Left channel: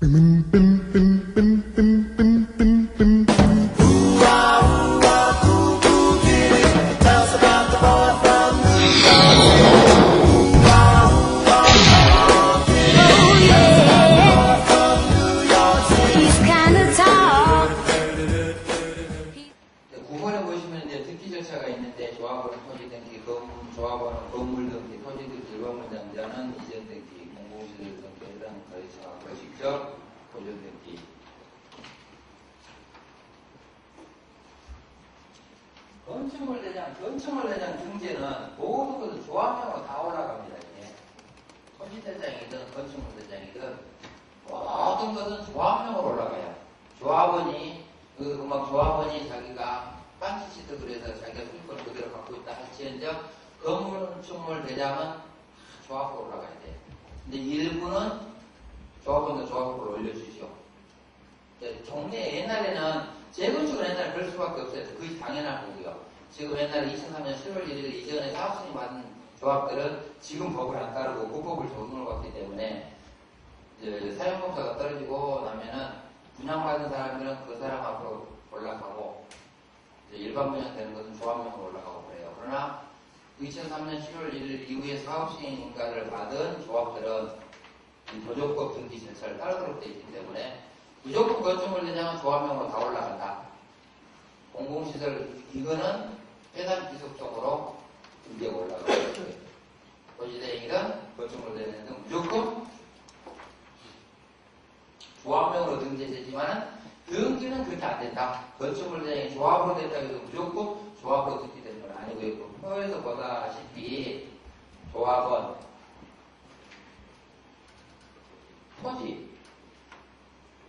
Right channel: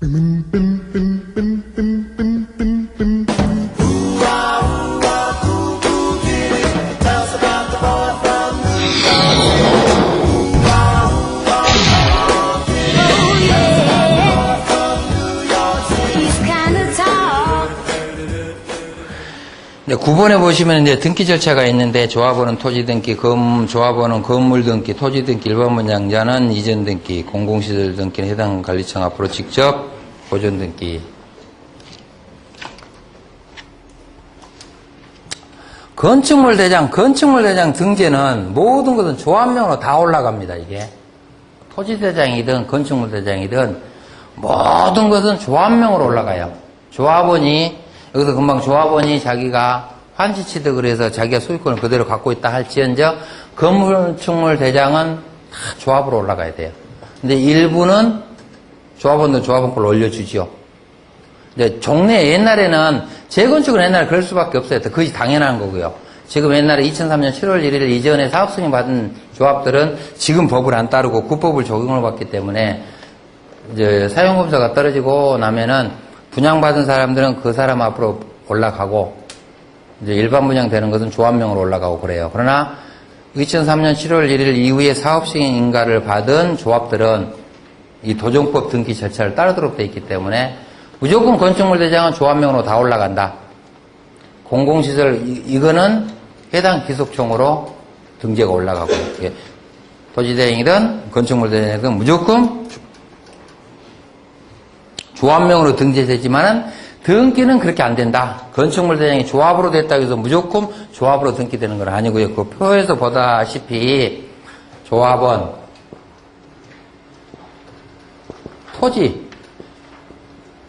네, 9번에 보시면 이제 등기 절차가 있는데 조합원은 토지 등기, 조합원은 건물 등기, 토지 등기, 일반 분양자는 이전 등기, 공공시설 등기는 해당 관리청 앞으로 직접 보존 등기. 건축물 대장 등재는 모든 것은 조합명으로 다 올라갑니다, 이게. 토지 대장이든 건축물 대장이든 모든 것은 조합명으로 올라가요. 여기서 금방 조합원이 자기가 환지 취득을 해서 자기가 소유권을 그대로 갖고 있다 할지언정 건축물 대장은 다 조합으로 올라가야 돼요. 근데 일부는 조합원도 조합원 걸 올려주죠. 근데 종래 옛날에는 재건축은 옛날에 그럴 수밖에 없어요. 그것이 당연한 거고요. 지금 옛날에 2003년 7월 1일 이전에 사업 승인 받은 조합들은 지금 법을 안 따르고 국법을 적용을 받기 때문에 이제 사용검사가 떨어지고 나면은 분양받은 사람들은 그 사람 앞으로 올라가고 이제 일반 분양되는 것은 조합명으로 올라가고 그래요. 그러나 2003년 7월 1일 이후에 사업승인 인가를 받은 조합들은 이 도정법 등기 절차를 따르도록 되어 있기 때문에 무조건 건축물 대장은 조합명으로 다 올라간다. 공공시설 이거는 해당 기속청으로 등재가 올라가고 토지대행이든 건축물 대행이든 무조건 조합명으로 등재되지만은 등기는 그렇게 안 된다. 건축물 대장이 조합으로 됐다고 해서 무조건 조합으로 등기되는 건 아니고요. 그 표에서 보다시피 조합원,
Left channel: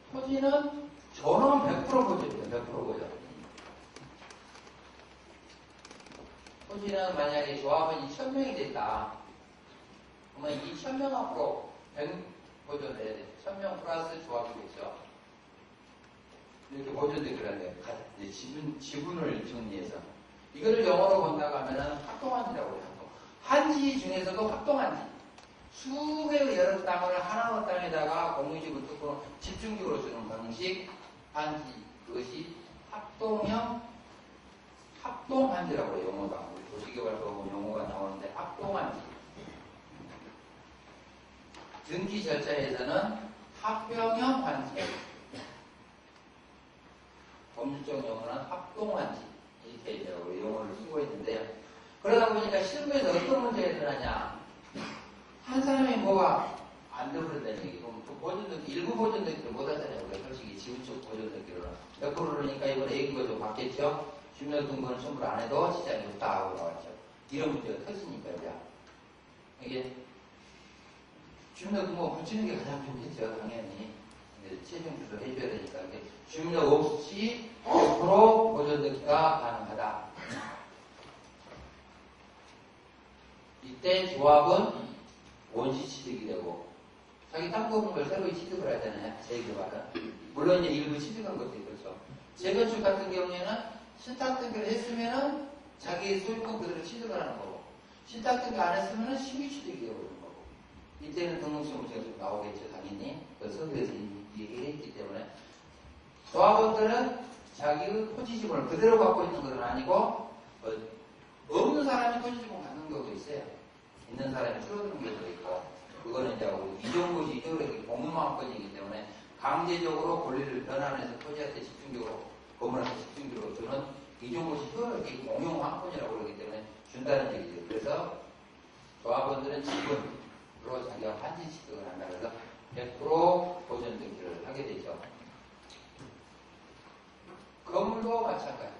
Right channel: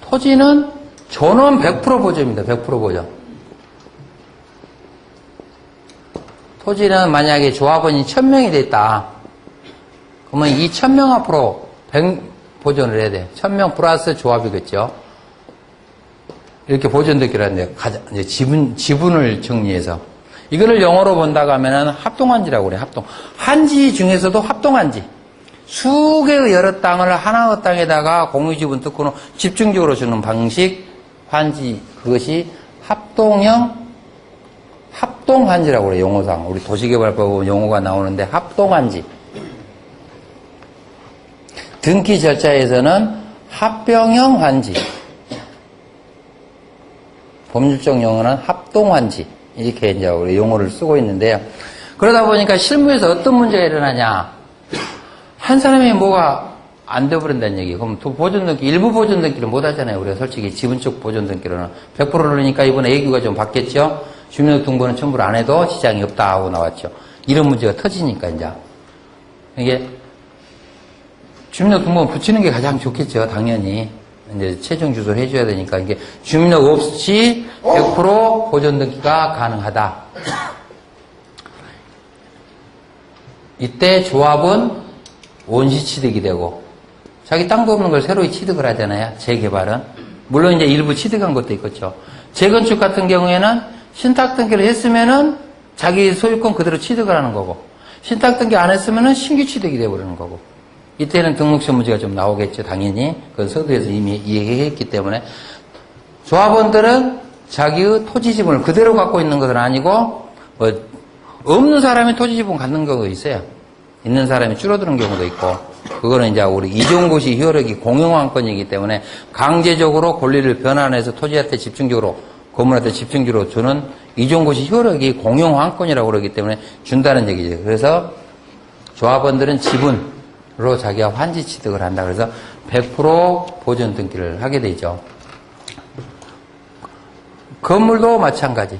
토지는 전원 100% 보존입니다. 100% 보존. 토지는 만약에 조합원이 1000명이 됐다. 그러면 이 1000명 앞으로 100 보존을 해야 돼. 1000명 플러스 조합이겠죠. 이렇게 보존 등기를 하는데, 이제 지분을 정리해서. 이거를 영어로 본다고 하면은 합동한지라고 그래요, 한지 중에서도 합동한지. 수개의 여러 땅을 하나의 땅에다가 공유지분 특권을 집중적으로 주는 방식, 한지. 그것이 합동한지라고 그래요, 용어상. 우리 도시개발법 용어가 나오는데, 합동한지. 등기 절차에서는 합병형 환지, 법률적 용어는 합동환지 이렇게 이제 우리 용어를 쓰고 있는데요. 그러다 보니까 실무에서 어떤 문제가 일어나냐? 한 사람이 뭐가 안 돼버린다는 얘기. 그럼 일부 보존 등기를 못 하잖아요. 우리가 솔직히 지분적 보존 등기로는 100%라니까 이번에 애교가 좀 바뀌었죠. 주민등록번호는 첨부를 안 해도 지장이 없다 하고 나왔죠. 이런 문제가 터지니까 이제 이게. 주민등록번호 붙이는 게 가장 좋겠죠, 당연히. 이제 최종 주소를 해줘야 되니까, 이게 주민등록 없이 100% 보존 등기가 가능하다. 이때 조합은 원시 취득이 되고, 자기 땅도 없는 걸 새로 취득을 하잖아요, 재개발은. 물론 이제 일부 취득한 것도 있겠죠. 재건축 같은 경우에는 신탁 등기를 했으면은 자기 소유권 그대로 취득을 하는 거고, 신탁 등기 안 했으면은 신규 취득이 되어버리는 거고. 이때는 등록시 문제가 좀 나오겠죠, 당연히. 그건 서두에서 이미 얘기했기 때문에. 조합원들은 자기의 토지 지분을 그대로 갖고 있는 것은 아니고, 없는 사람이 토지 지분 갖는 경우도 있어요. 있는 사람이 줄어드는 경우도 있고, 그거는 이제 우리 이종고시 효력이 공용환권이기 때문에 강제적으로 권리를 변환해서 토지한테 건물한테 집중적으로 주는 이종고시 효력이 공용환권이라고 그러기 때문에 준다는 얘기죠. 그래서 조합원들은 지분, 로 자기가 환지 취득을 한다. 그래서 100% 보존 등기를 하게 되죠. 건물도 마찬가지.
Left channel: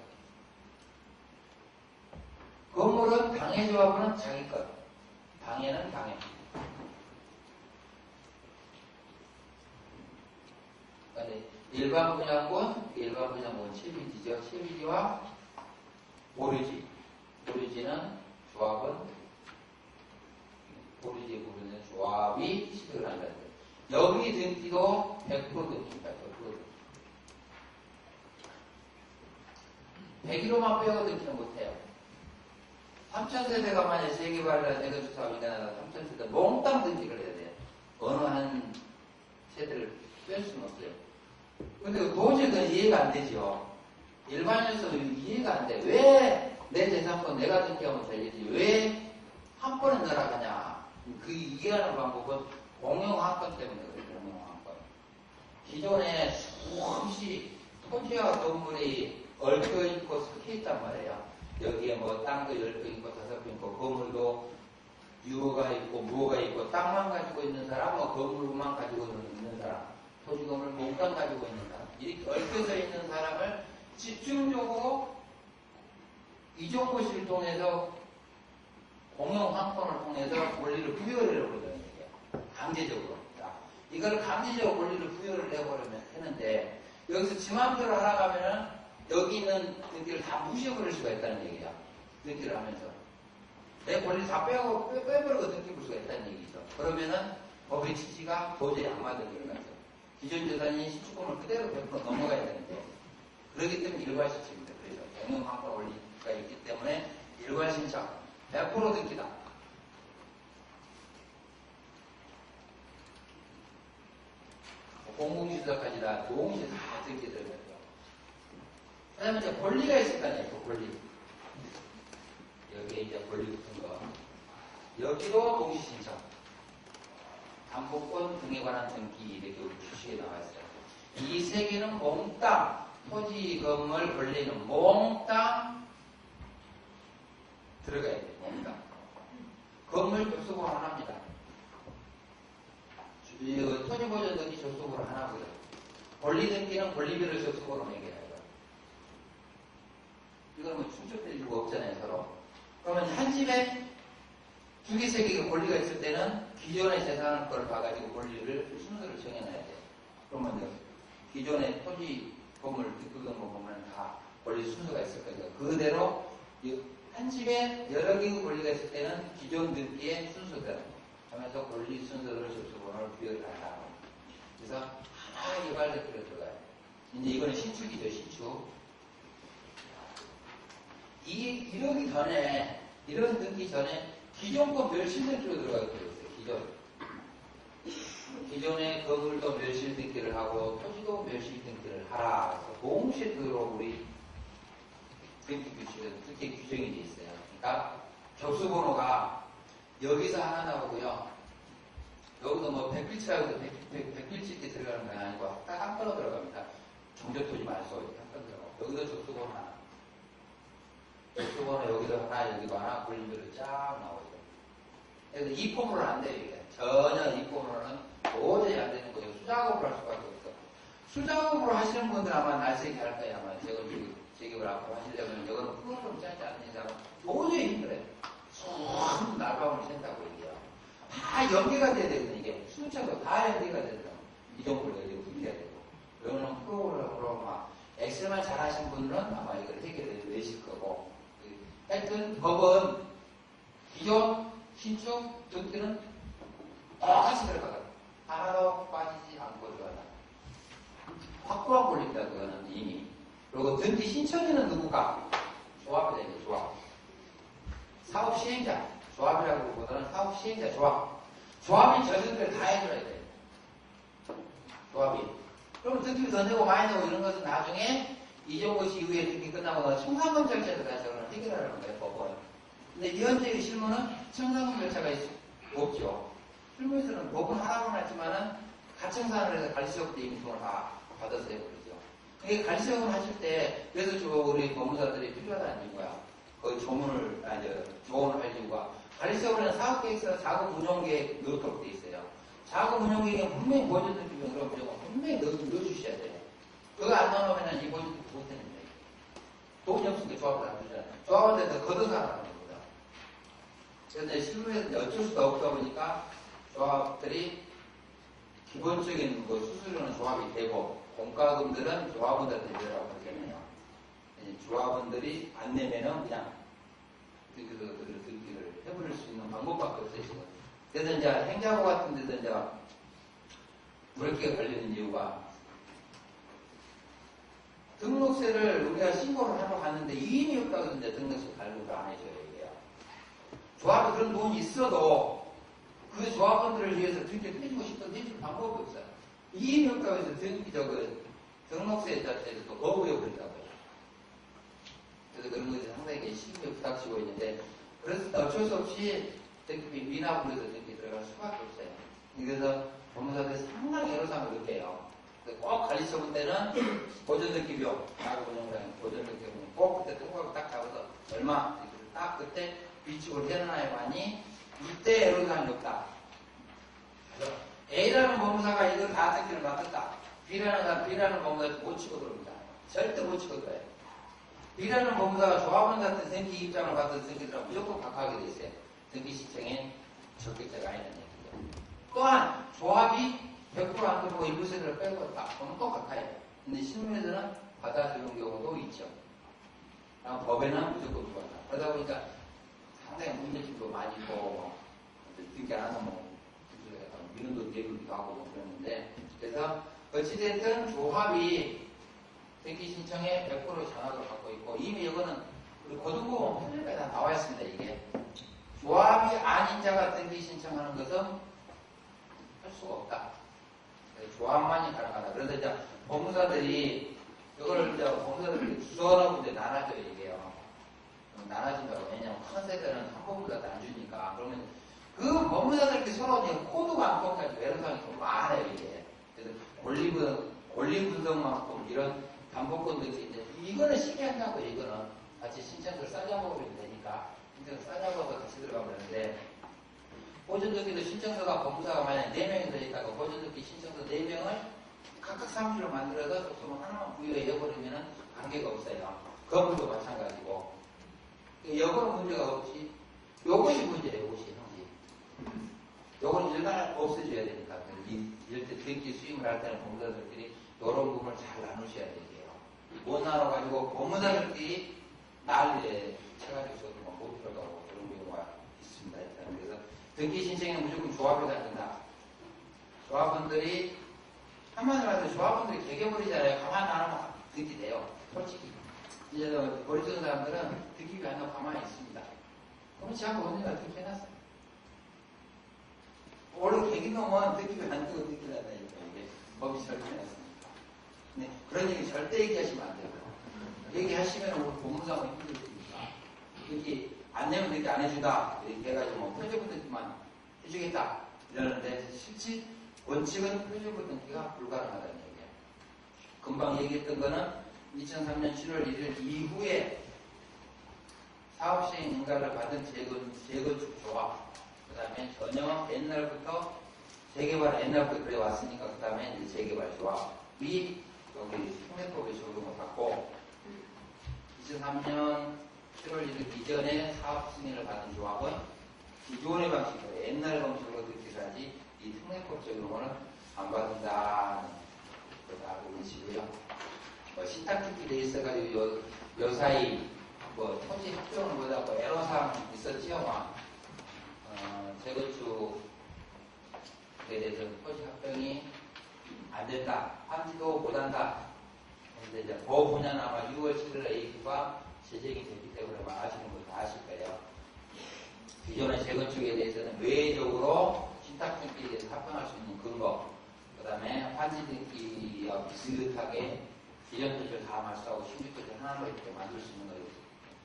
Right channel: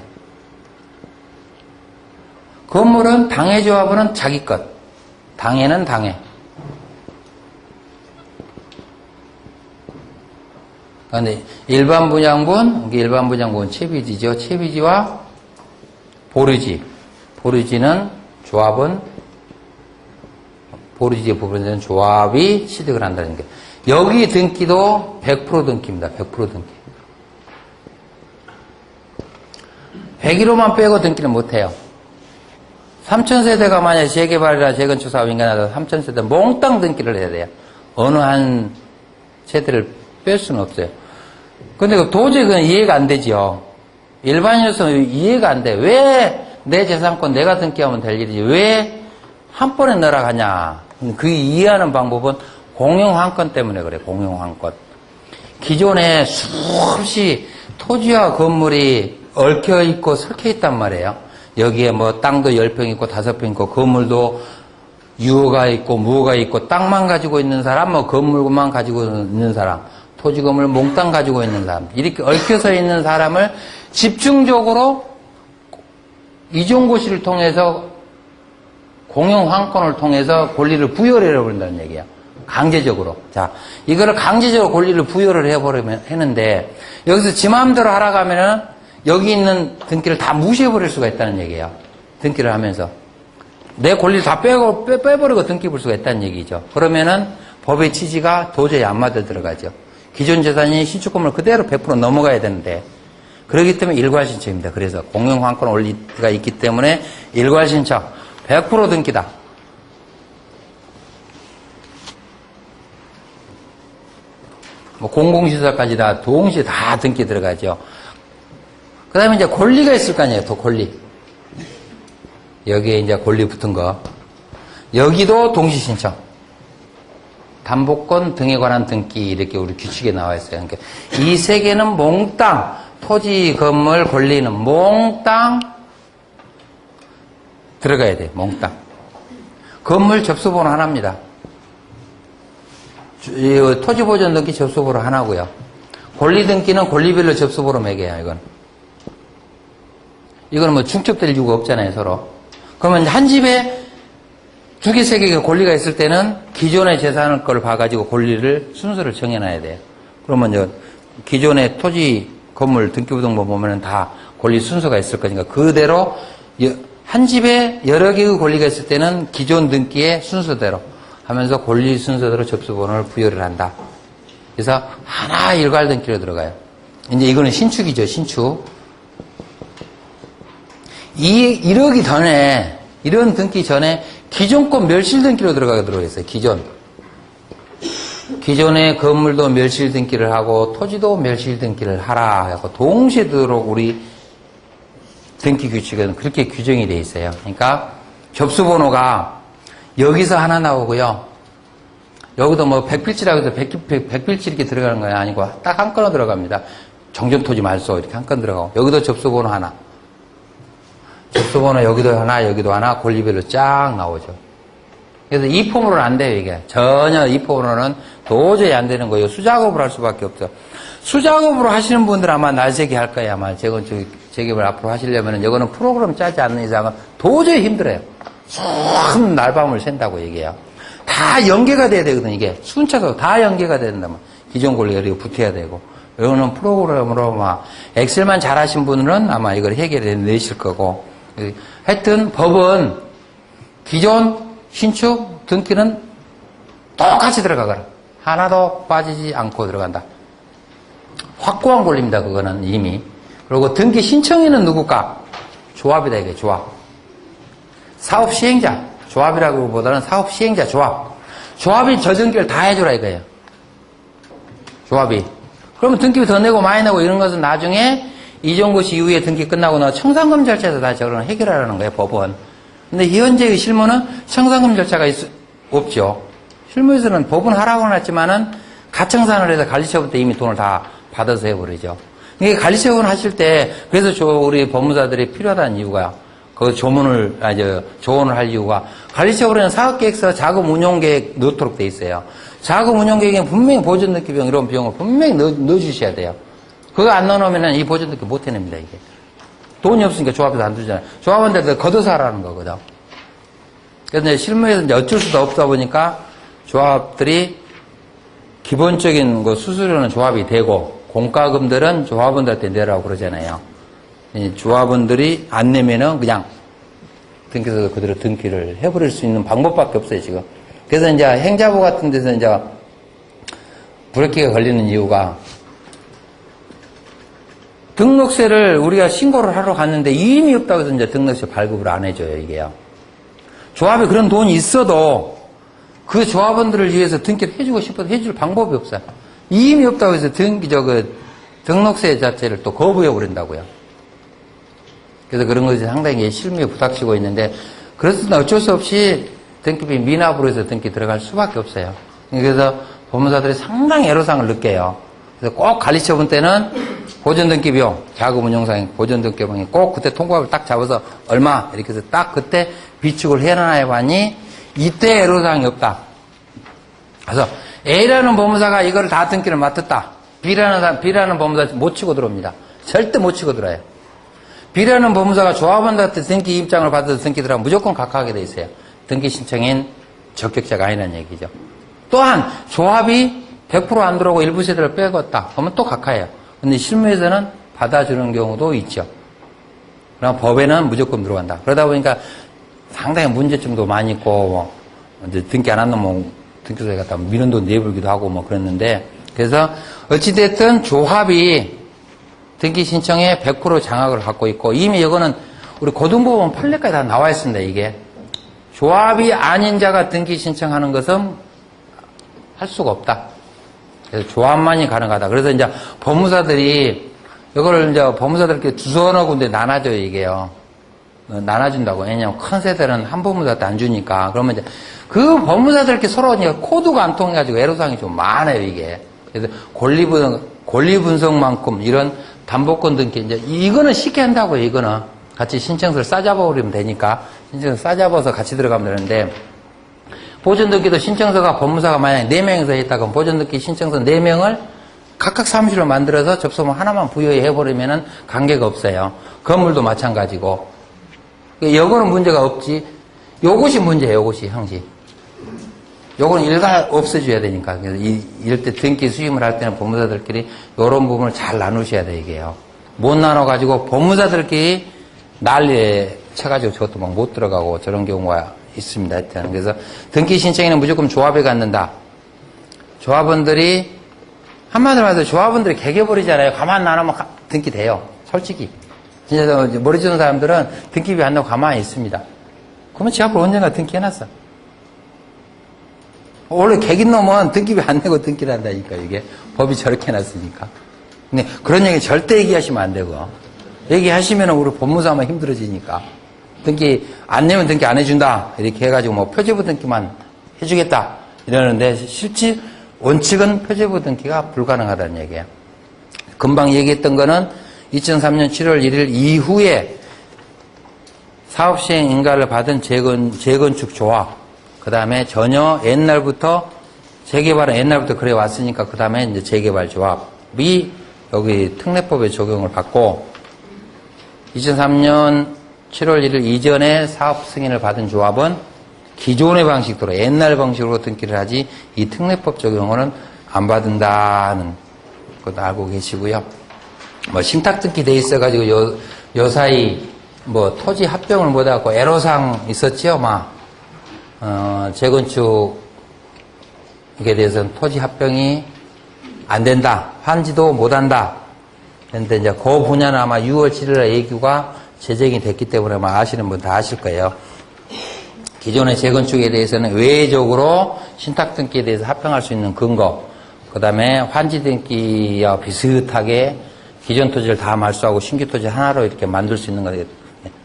건물은 당해 조합원은 자기 것. 당해는 당해. 그런데 일반 분양분 채비지죠. 채비지와 보류지. 보류지는 조합은 보류지에 부분에는 조합이 취득을 한다는 게. 여기 등기도 100% 등기입니다. 100% 등기. 101호만 빼고 등기는 못해요. 3000세대가 만약에 재개발이나 재건축 사업 인가나서 3000세대 몽땅 등기를 해야 돼요. 어느 한 세대를 뺄 수는 없어요. 근데 도저히 그건 이해가 안 되죠. 일반인으로서는 이해가 안 돼. 왜 내 재산권 내가 등기하면 될 일이지. 왜 한 번에 넣으라 하냐. 그 이해하는 방법은 공용환권 때문에 그래, 공용환권. 기존에 수없이 토지와 건물이 얽혀있고 설켜있단 말이에요. 여기에 뭐 땅도 10평 있고 5평 있고 건물도 유허가 있고 무허가 있고 땅만 가지고 있는 사람, 뭐 건물만 가지고 있는 사람, 토지 건물 몽땅 가지고 있는 사람, 이렇게 얽혀서 있는 사람을 집중적으로 이종고시를 통해서 공용환권을 통해서 권리를 부여를 해버린다는 얘기야. 강제적으로. 자, 이거를 강제적으로 권리를 부여를 해버리면 했는데 여기서 지 마음대로 하라고 하면은 여기 있는 등기를 다 무시해버릴 수가 있다는 얘기예요. 등기를 하면서. 내 권리를 다 빼버리고 등기 볼 수가 있다는 얘기죠. 그러면은 법의 취지가 도저히 안 맞아 들어가죠. 기존 재산이 신축권을 그대로 100% 넘어가야 되는데 그렇기 때문에 일괄신청입니다. 그래서 공용환권 원리가 있기 때문에 일괄신청 100% 등기다. 뭐 공공시설까지 다 동시에 다 등기 들어가죠. 그 다음에 이제 권리가 있을 거 아니에요. 또 권리. 여기에 이제 권리 붙은 거. 여기도 동시신청. 담보권 등에 관한 등기 이렇게 우리 규칙에 나와 있어요. 그러니까 이 세 개는 몽땅 토지 건물 권리는 몽땅 들어가야 돼요. 몽땅. 건물 접수번호 하나입니다. 토지보전 등기 접수번호 하나고요. 권리 등기는 권리별로 접수번호 매겨요. 이거는 뭐 중첩될 이유가 없잖아요. 서로. 그러면 한 집에 두 개, 세 개가 권리가 있을 때는 기존의 재산을 걸 봐가지고 권리를 순서를 정해놔야 돼요. 그러면 이제 기존의 토지 건물 등기부등본 보면은 다 권리 순서가 있을 거니까 그대로 한 집에 여러 개의 권리가 있을 때는 기존 등기의 순서대로 하면서 권리 순서대로 접수번호를 부여를 한다. 그래서 하나 일괄 등기로 들어가요. 이제 이거는 신축이죠, 신축. 이러기 전에, 이런 등기 전에 기존권 멸실 등기로 들어있어요, 기존. 기존의 건물도 멸실 등기를 하고 토지도 멸실 등기를 하라 하고 동시에 들어오고 우리 등기 규칙은 그렇게 규정이 돼 있어요. 그러니까 접수번호가 여기서 하나 나오고요. 여기도 뭐 백필지라고 해서 백필지 이렇게 들어가는 거 아니고 딱 한 건으로 들어갑니다. 정전토지 말소 이렇게 한 건 들어가고 여기도 접수번호 하나. 접수번호 여기도 하나 권리별로 쫙 나오죠. 그래서 이 폼으로는 안 돼요, 이게. 전혀 이 폼으로는 도저히 안 되는 거예요. 수작업을 할 수밖에 없어. 수작업으로 하시는 분들 아마 날새기 할 거예요, 아마. 재개발 앞으로 하시려면은 이거는 프로그램 짜지 않는 이상은 도저히 힘들어요. 큰 날밤을 샌다고 얘기해요. 다 연계가 돼야 되거든, 이게. 순차적으로 다 연계가 된다면. 기존 권리가 이렇게 붙어야 되고. 이거는 프로그램으로 막, 엑셀만 잘 하신 분은 아마 이걸 해결해 내실 거고. 하여튼 법은 기존 신축 등기는 똑같이 들어가거라. 하나도 빠지지 않고 들어간다. 확고한 권리입니다. 그거는 이미. 그리고 등기 신청인은 누굴까? 조합이다 이게 조합. 사업 시행자. 조합이라기보다는 사업 시행자 조합. 조합이 저 등기를 다 해주라 이거예요. 조합이. 그러면 등기비 더 내고 많이 내고 이런 것은 나중에 이종고시 이후에 등기 끝나고 나 청산금 절차에서 다 저거는 해결하라는 거예요, 법은. 근데 현재의 실무는 청산금 절차가 없죠. 실무에서는 법은 하라고 해놨지만은 가청산을 해서 관리처분때 이미 돈을 다 받아서 해버리죠. 이게 관리처분 하실 때, 그래서 우리 법무사들이 필요하다는 이유가, 그 조언을 할 이유가, 관리처분에는 사업계획서 자금 운용계획 넣도록 돼 있어요. 자금 운용계획에 분명히 보존등기 비용, 이런 비용을 분명히 넣어주셔야 돼요. 그거 안 넣어놓으면 이 보존등기 못 해냅니다, 이게. 돈이 없으니까 조합에서 안 주잖아요. 조합한테 걷어서 하라는 거거든. 그런데 실무에서 이제 어쩔 수도 없다 보니까 조합들이 기본적인 거 수수료는 조합이 되고 공과금들은 조합원들한테 내라고 그러잖아요. 조합원들이 안 내면은 그냥 등기소에서 그대로 등기를 해버릴 수 있는 방법밖에 없어요, 지금. 그래서 이제 행자부 같은 데서 이제 브레이크가 걸리는 이유가 등록세를 우리가 신고를 하러 갔는데 이임이 없다고 해서 이제 등록세 발급을 안 해줘요, 이게요. 조합에 그런 돈이 있어도 그 조합원들을 위해서 등기를 해주고 싶어도 해줄 방법이 없어요. 이임이 없다고 해서 등록세 자체를 또 거부해버린다고요. 그래서 그런 것이 상당히 실무에 부닥치고 있는데, 그렇습니다. 어쩔 수 없이 등기비 미납으로 해서 등기 들어갈 수밖에 없어요. 그래서 법무사들이 상당히 애로사항을 느껴요. 그래서 꼭 관리처분 때는 보존등기비용, 자금운용상 보존등기비용이 꼭 그때 통과를 딱 잡아서 얼마 이렇게 해서 딱 그때 비축을 해놔야 하니 이때 애로사항이 없다. 그래서 A라는 법무사가 이거를 다 등기를 맡았다. B라는 법무사 못 치고 들어옵니다. 절대 못 치고 들어요. B라는 법무사가 조합원한테 등기 입장을 받아서 등기 들어가면 무조건 각하하게 돼 있어요. 등기 신청인 적격자가 아니라는 얘기죠. 또한 조합이 100% 안 들어오고 일부 세대를 빼갔다. 그러면 또 각하예요. 근데 실무에서는 받아주는 경우도 있죠. 그럼 법에는 무조건 들어간다. 그러다 보니까 상당히 문제점도 많이 있고, 뭐, 이제 등기 안 한 놈, 등기소에 갖다 민원도 내불기도 하고 뭐 그랬는데, 그래서 어찌됐든 조합이 등기 신청에 100% 장악을 갖고 있고, 이미 이거는 우리 고등법원 판례까지 다 나와 있습니다, 이게. 조합이 아닌 자가 등기 신청하는 것은 할 수가 없다. 그래서 조합만이 가능하다. 그래서 이제 법무사들이 이거를 이제 법무사들께 두서너 군데 나눠줘요, 이게요. 나눠준다고. 왜냐면 큰 세대는 한 법무사한테 안 주니까. 그러면 이제 그 법무사들께 서로 이제 코드가 안 통해가지고 애로사항이 좀 많아요, 이게. 그래서 권리분석만큼 이런 담보권 등기, 이제 이거는 쉽게 한다고요, 이거는. 같이 신청서를 싸잡아버리면 되니까. 신청서 싸잡아서 같이 들어가면 되는데, 보존등기도 신청서가 법무사가 만약에 4명이서 했다가 보존등기 신청서 4명을 각각 사무실로 만들어서 접수문 하나만 부여해버리면은 관계가 없어요. 건물도 마찬가지고. 요거는 문제가 없지. 요것이 문제예요, 요것이, 형식. 요거는 일가 없애줘야 되니까. 그래서 이럴 때 등기 수임을 할 때는 법무사들끼리 요런 부분을 잘 나누셔야 돼, 이게요. 못 나눠가지고 법무사들끼리 난리에 쳐가지고 저것도 막 못 들어가고 저런 경우가 있습니다. 하여튼. 그래서 등기 신청에는 무조건 조합에 갖는다. 조합원들이, 한마디로 말해서 조합원들이 개개버리잖아요. 가만 놔놓으면 등기 돼요. 솔직히. 진짜 머리 좋은 사람들은 등기비 안 내고 가만히 있습니다. 그러면 지 앞으로 언젠가 등기해놨어. 원래 개긴 놈은 등기비 안 내고 등기를 한다니까, 이게. 법이 저렇게 해놨으니까. 근데 그런 얘기 절대 얘기하시면 안 되고. 얘기하시면 우리 법무사 하면 힘들어지니까. 등기 안 내면 등기 안 해준다. 이렇게 해가지고 뭐 표제부 등기만 해주겠다. 이러는데 실제 원칙은 표제부 등기가 불가능하다는 얘기예요. 금방 얘기했던 거는 2003년 7월 1일 이후에 사업시행 인가를 받은 재건축 조합, 그 다음에 전혀 옛날부터 재개발은 옛날부터 그래 왔으니까 그 다음에 이제 재개발 조합이 여기 특례법에 적용을 받고 2003년 7월 1일 이전에 사업 승인을 받은 조합은 기존의 방식대로 옛날 방식으로 등기를 하지 이 특례법 적용은 안 받는다는 것도 알고 계시고요. 뭐 신탁 등기 돼 있어가지고 요사이 뭐 토지 합병을 못하고 애로사항 있었지요, 막 재건축에 대해서는 토지 합병이 안 된다, 환지도 못한다. 그런데 이제 그 분야는 아마 6월 7일에 예규가 제정이 됐기 때문에 아마 아시는 분 다 아실 거예요. 기존의 재건축에 대해서는 외적으로 신탁 등기에 대해서 합병할 수 있는 근거, 그 다음에 환지 등기와 비슷하게 기존 토지를 다 말소하고 신규 토지 하나로 이렇게 만들 수 있는 거예요.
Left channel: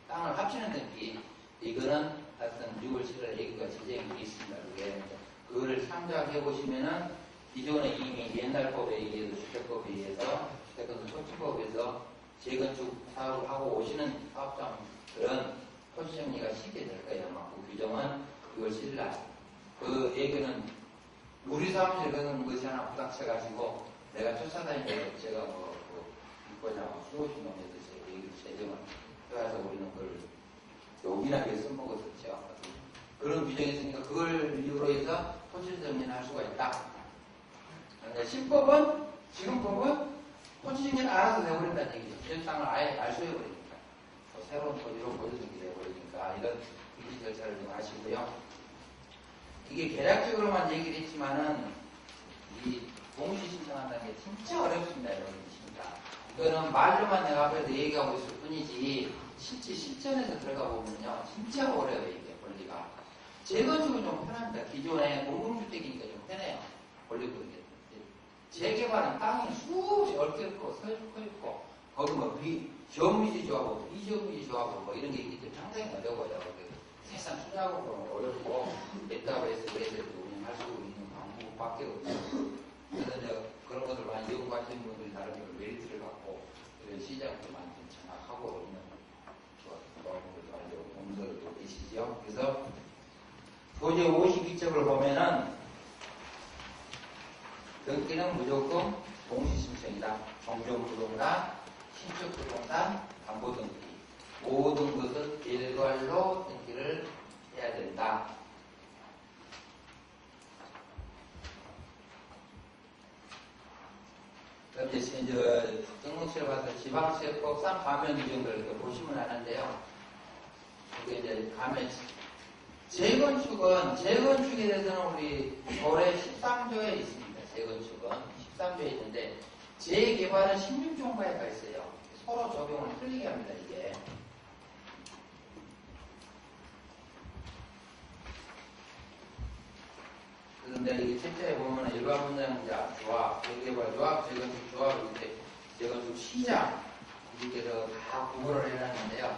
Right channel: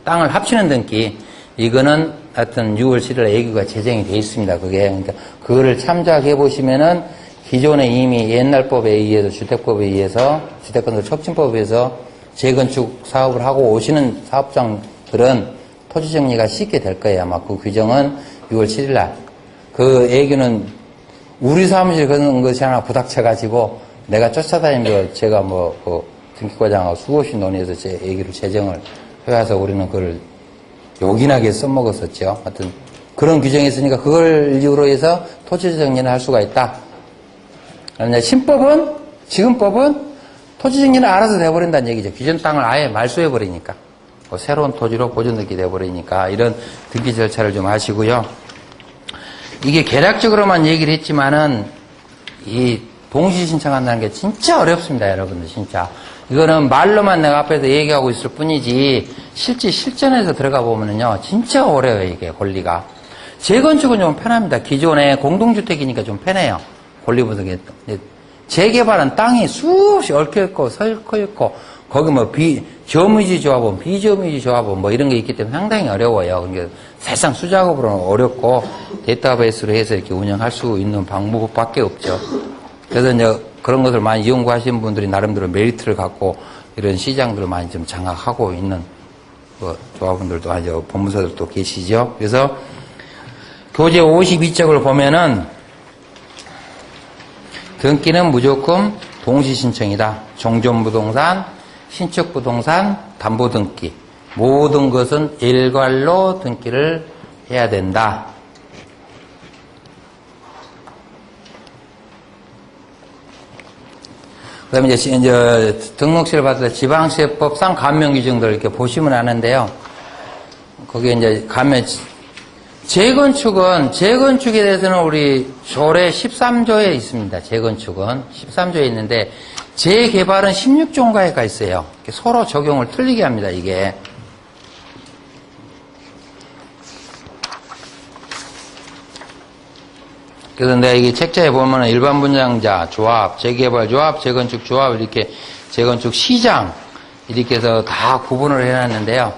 땅을 합치는 등기, 이거는 하여튼 6월 7일에 예규가 제정이 돼 있습니다. 그러니까 그거를 참작해 보시면은 기존에 이미 옛날 법에 의해서 주택법에 의해서 주택건설 촉진법에 의해서 재건축 사업을 하고 오시는 사업장들은 토지 정리가 쉽게 될 거예요. 아마 그 규정은 6월 7일 날. 그 예규는 우리 사무실 그런 것이 하나 부닥쳐가지고 내가 쫓아다니면서 제가 뭐 그 등기과장하고 수없이 논의해서 제 예규를 제정을 해와서 우리는 그걸 요긴하게 써먹었었죠. 하여튼 그런 규정이 있으니까 그걸 이유로 해서 토지 정리를 할 수가 있다. 신법은, 지금법은 토지 정리는 알아서 돼버린다는 얘기죠. 기존 땅을 아예 말소해버리니까. 새로운 토지로 보존등기 돼버리니까 이런 등기 절차를 좀 하시고요. 이게 개략적으로만 얘기를 했지만은 이 동시 신청한다는 게 진짜 어렵습니다, 여러분들 진짜. 이거는 말로만 내가 앞에서 얘기하고 있을 뿐이지 실제 실전에서 들어가 보면은요 진짜 어려워요, 이게 권리가. 재건축은 좀 편합니다. 기존에 공동주택이니까 좀 편해요. 권리 분석이. 재개발은 땅이 수없이 얽혀있고 설켜있고 거기 뭐 저미지 조합원, 비저미지 조합원 뭐 이런 게 있기 때문에 상당히 어려워요. 그러니까 사실상 수작업으로는 어렵고 데이터베이스로 해서 이렇게 운영할 수 있는 방법밖에 없죠. 그래서 이제 그런 것을 많이 연구하시는 분들이 나름대로 메리트를 갖고 이런 시장들을 많이 좀 장악하고 있는 조합원들도 아주 법무사들도 계시죠. 그래서 교재 52쪽을 보면은 등기는 무조건 동시신청이다. 종전부동산, 신축부동산, 담보등기 모든 것은 일괄로 등기를 해야 된다. 그 다음에 이제 등록시를 받을 때 지방세법상 감면규정들 이렇게 보시면 아는데요. 거기에 이제 가면 재건축에 대해서는 우리 조례 13조에 있습니다. 재건축은 13조에 있는데 재개발은 16조인가에 가 있어요. 서로 적용을 틀리게 합니다. 이게. 그래서 내가 이게 책자에 보면은 일반 분양자 조합, 재개발 조합, 재건축 조합 이렇게 재건축 시장 이렇게 해서 다 구분을 해놨는데요.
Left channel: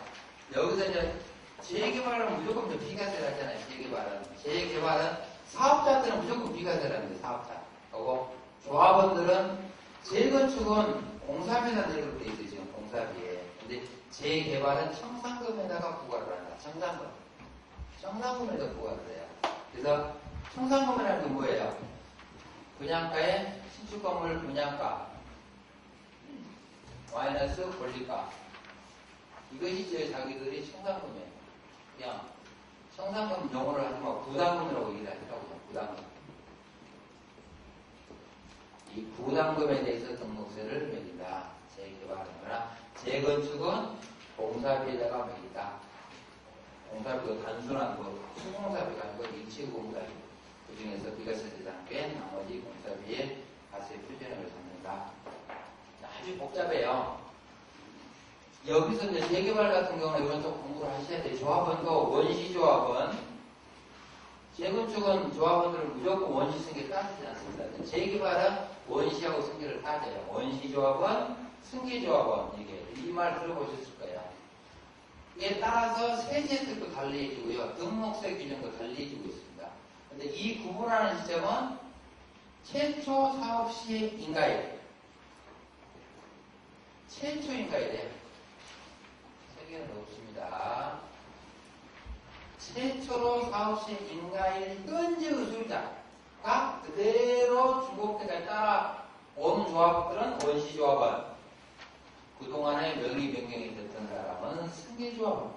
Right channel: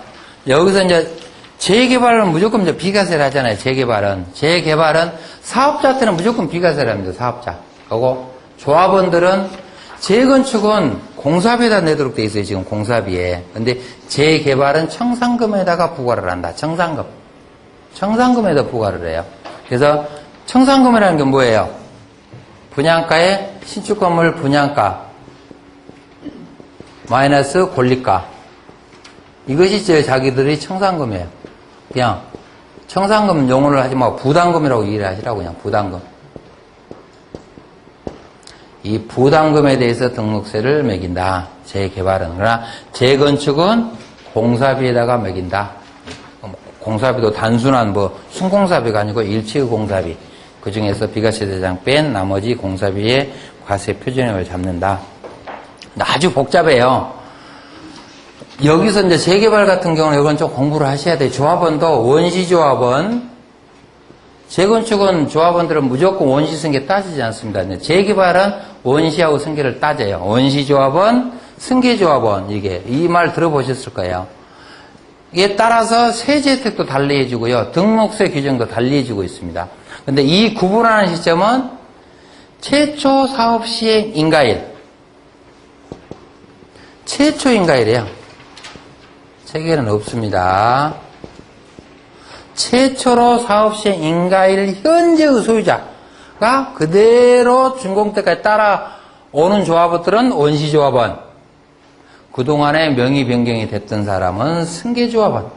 여기서 이제 재개발은 무조건 이제 비과세를 하잖아요. 재개발은 사업자한테는 무조건 비과세를 합니다. 사업자. 그리고 조합원들은 재건축은 공사비에다 내도록 돼 있어요. 지금 공사비에. 근데 재개발은 청산금에다가 부과를 한다. 청산금에다 부과를 해요. 그래서 청산금이라는 게 뭐예요? 분양가에 신축 건물 분양가 마이너스 권리가. 이것이 자기들이 청산금이에요. 그냥 청산금 용어를 하지 말고 부담금이라고 얘기를 하시라고. 그냥 부담금. 이 부담금에 대해서 등록세를 매긴다. 재개발은. 그러나 재건축은 공사비에다가 매긴다. 공사비도 단순한 순공사비가 아니고 일체의 공사비. 그 중에서 비과세 대상 뺀 나머지 공사비의 과세 표준액을 잡는다. 아주 복잡해요. 여기서 이제 재개발 같은 경우는 이건 좀 공부를 하셔야 돼요. 조합원도 원시조합원, 재건축은 조합원들은 무조건 원시 승계 따지지 않습니다. 재개발은 원시하고 승계를 따져요. 원시조합원, 승계조합원, 이 말 들어보셨을 거예요. 이에 따라서 세제 혜택도 달리 해주고요. 등록세 규정도 달리 해주고 있습니다. 근데 이 구분하는 시점은 최초 사업 시행 인가일. 최초 인가일이에요. 책에는 없습니다. 최초로 사업 시행 인가일 현재의 소유자가 그대로 준공때까지 따라오는 조합원들은 원시조합원. 그동안에 명의 변경이 됐던 사람은 승계조합원.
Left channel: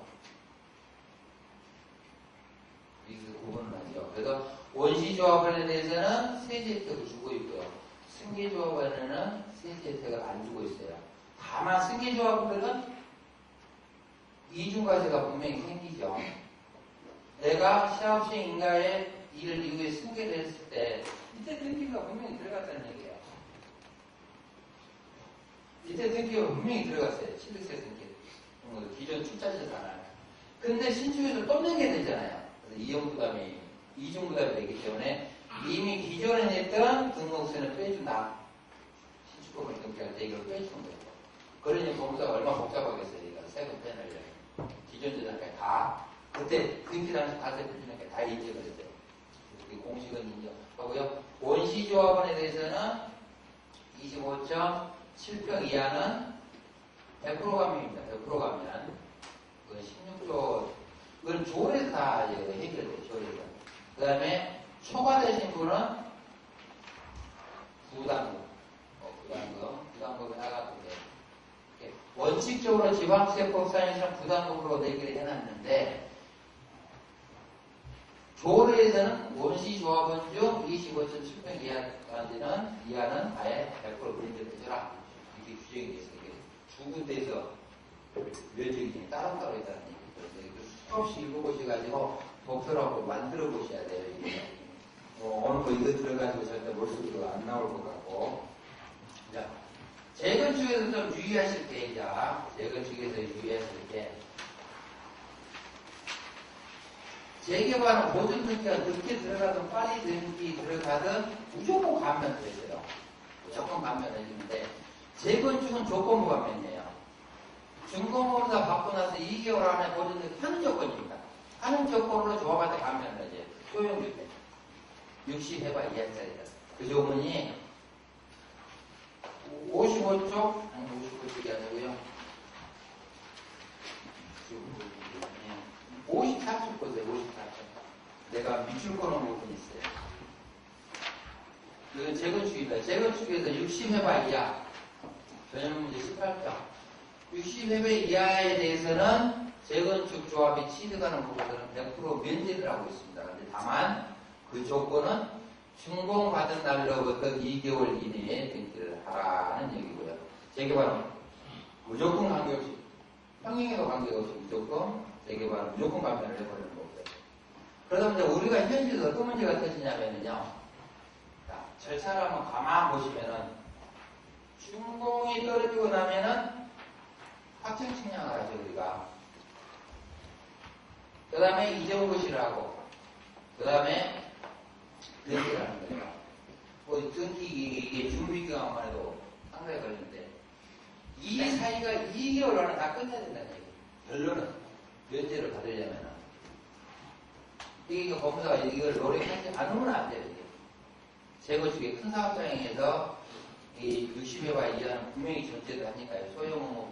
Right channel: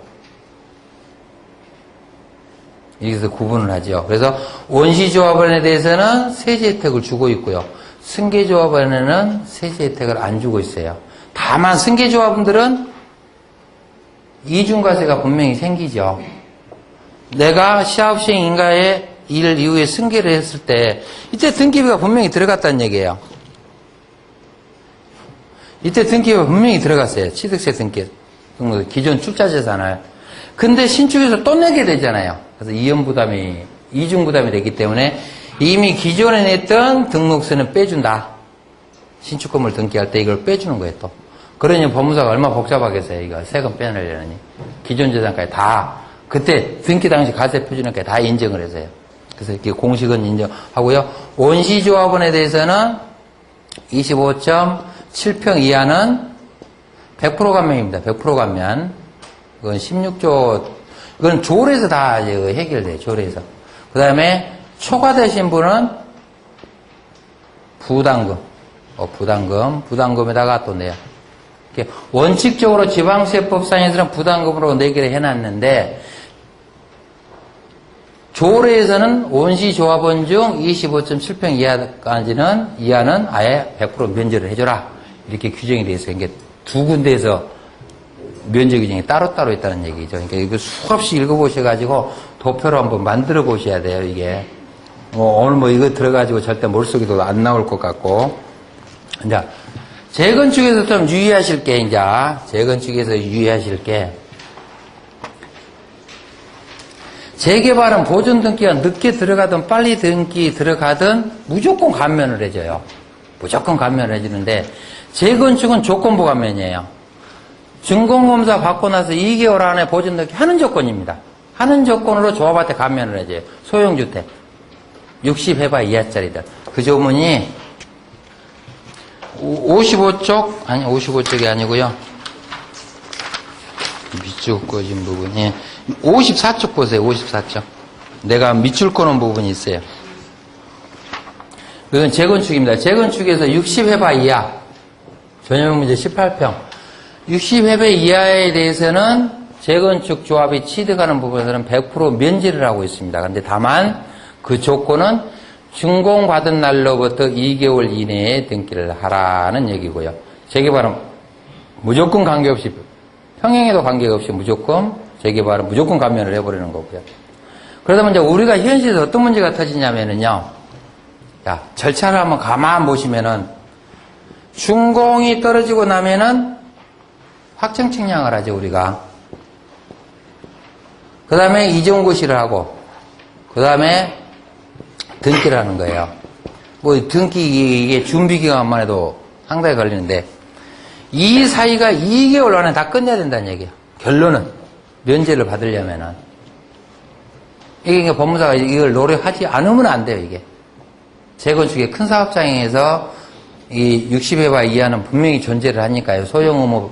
여기서 구분을 하죠. 그래서 원시조합원에 대해서는 세제 혜택을 주고 있고요. 승계조합원에는 세제 혜택을 안 주고 있어요. 다만 승계조합원들은 이중과세가 분명히 생기죠. 내가 시합시행 인가의 일 이후에 승계를 했을 때 이때 등기비가 분명히 들어갔다는 얘기예요. 이때 등기비가 분명히 들어갔어요. 취득세 등기, 기존 출자재산을. 근데 신축에서 또 내게 되잖아요. 그래서 이중부담이 되기 때문에 이미 기존에 냈던 등록세는 빼준다. 신축 건물 등기할 때 이걸 빼주는 거예요, 또. 그러니 법무사가 얼마나 복잡하겠어요, 이거. 세금 빼내려니. 기존 재산까지 다, 그때 등기 당시 과세 표준액까지 다 인정을 해서요. 그래서 이렇게 공식은 인정하고요. 원시조합원에 대해서는 25.7평 이하는 100% 감면입니다. 100% 감면. 이건 16조, 이건 조례에서 다 해결돼요, 조례에서. 그 다음에 초과되신 분은 부담금에다가 또 내요. 이렇게 원칙적으로 지방세법상에서는 부담금으로 내기를 해놨는데, 조례에서는 원시조합원 중 25.7평 이하는 아예 100% 면제를 해줘라. 이렇게 규정이 되어 있어요. 이게 두 군데에서 면제 규정이 따로따로 있다는 얘기죠. 그러니까 이거 수없이 읽어보셔가지고 도표로 한번 만들어 보셔야 돼요, 이게. 오늘 이거 들어가지고 절대 머릿속에도 안 나올 것 같고. 이제, 재건축에서 좀 유의하실 게, 재건축에서 유의하실 게, 재개발은 보존 등기가 늦게 들어가든 빨리 등기 들어가든 무조건 감면을 해줘요. 무조건 감면을 해주는데 재건축은 조건부 감면이에요. 준공검사 받고 나서 2개월 안에 보존 넣기 하는 조건입니다. 하는 조건으로 조합한테 감면을 해줘요. 소형주택 60해봐 이하짜리들. 그 조문이 55쪽 아니 55쪽이 아니고요. 밑줄 꺼진 부분이 54쪽 보세요. 54쪽. 내가 밑줄 꺼놓은 부분이 있어요. 그건 재건축입니다. 재건축에서 60해봐 이하 전용 문제 18평 60해배 이하에 대해서는 재건축 조합이 취득하는 부분에서는 100% 면제를 하고 있습니다. 그런데 다만 그 조건은 준공받은 날로부터 2개월 이내에 등기를 하라는 얘기고요. 재개발은 무조건 관계없이 평행에도 관계없이 무조건 재개발은 무조건 감면을 해버리는 거고요. 그러다 보면 이제 우리가 현실에서 어떤 문제가 터지냐면은요. 자, 절차를 한번 가만 보시면은 준공이 떨어지고 나면은 확정 측량을 하죠, 우리가. 그 다음에 이전고시를 하고, 그 다음에 등기를 하는 거예요. 뭐, 등기, 이게 준비기간만 해도 상당히 걸리는데, 이 사이가 2개월 안에 다 끝내야 된다는 얘기예요. 결론은. 면제를 받으려면은. 이게 법무사가 이걸 노력하지 않으면 안 돼요, 이게. 재건축의 큰 사업장에서 이 60회바 이하는 분명히 존재를 하니까요. 소형 의무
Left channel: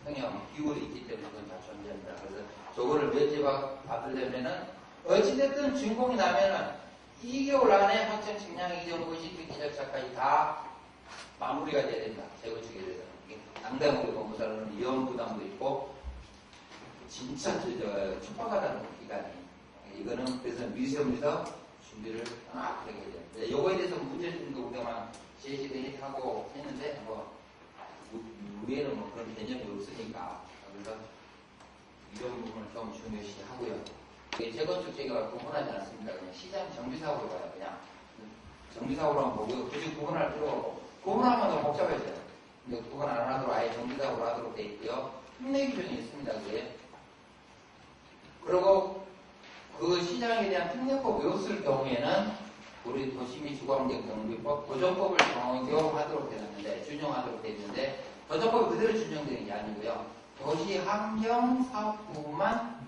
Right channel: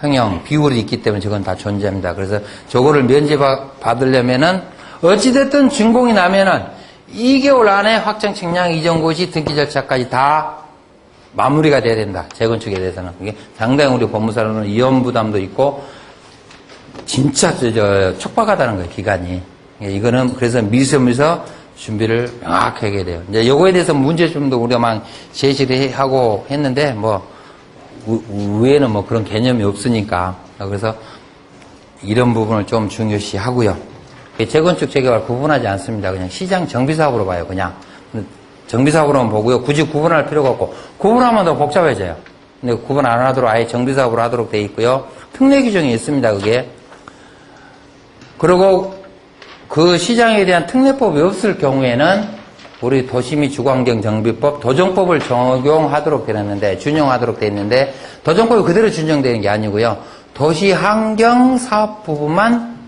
평형 비율이 있기 때문에 저건 다 존재합니다. 그래서 저거를 면제받으려면은 어찌됐든 준공이 나면은 2개월 안에 확정 측량 이전고시 등기 절차까지 다 마무리가 돼야 된다. 재건축에 대해서는. 그게 상당히 우리 법무사로는 위험 부담도 있고 진짜 촉박하다는 거예요, 기간이. 이거는 그래서 미리서 준비를 명확하게 해야 돼요. 이제 요거에 대해서 문제점도 우리가 막 제시를 하고 했는데 뭐 위에는 뭐 그런 개념이 없으니까. 그래서 이런 부분을 좀 중요시 하고요. 재건축 재개발 구분하지 않습니다. 그냥 시장 정비사업으로 봐요. 그냥 정비사업으로만 보고요. 굳이 구분할 필요가 없고 구분하면 더 복잡해져요. 근데 구분 안 하도록 아예 정비사업으로 하도록 돼 있고요. 특례 규정이 있습니다. 그게. 그리고 그 시장에 대한 특례법이 없을 경우에는 우리 도시및 주거환경정비법 도정법을 적용하도록 되어 있는데 준용하도록 되어 있는데 도정법이 그대로 준용되는 게 아니고요. 도시환경사업 부분만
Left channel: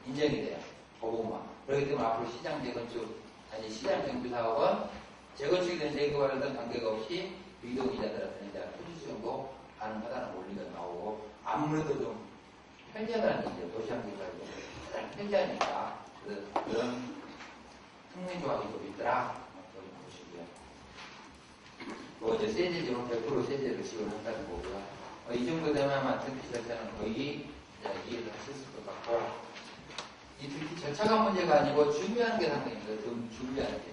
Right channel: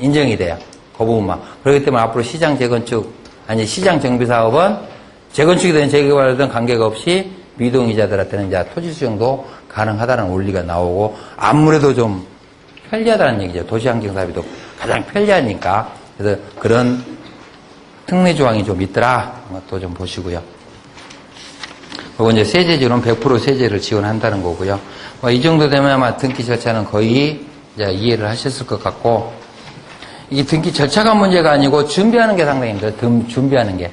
인정이 돼요. 그 부분만. 그렇기 때문에 앞으로 시장 재건축 아니 시장 정비사업은 재건축이든 재개발이든 관계가 없이 미동의자들한테는 이제 토지 수용도 가능하다는 원리가 나오고 아무래도 좀 편리하다는 얘기죠. 도시환경사업이 가장 편리하니까. 그래서 그런 특례 조항이 좀 있더라. 그것도 좀 보시고요. 그리고 이제 세제지로는 100% 세제를 지원한다는 거고요. 이 정도 되면 아마 등기 절차는 거의 이제 이해를 하셨을 것 같고, 이 등기 절차가 문제가 아니고 준비하는 게 상당히 힘들어요. 준비하는 게.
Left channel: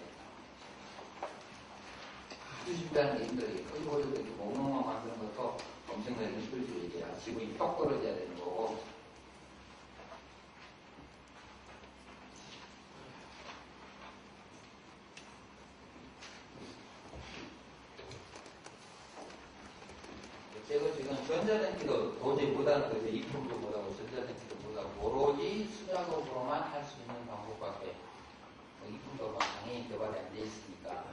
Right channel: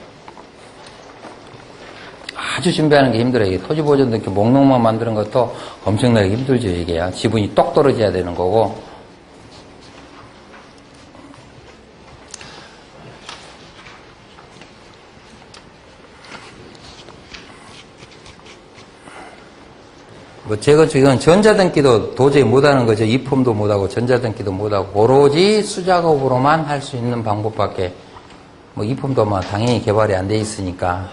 아주 준비하는 게 힘들어요. 이게 토지보존 등기 목록만 만드는 것도 엄청나게 힘들죠, 이게요. 지분이 똑 떨어져야 되는 거고. 뭐 재건축 이건 전자등기도 도저히 못하는 거죠. 입홈도 못하고 전자등기도 못하고 오로지 수작업으로만 할 수 있는 방법밖에 뭐 입홈도 뭐 당연히 개발이 안 돼 있으니까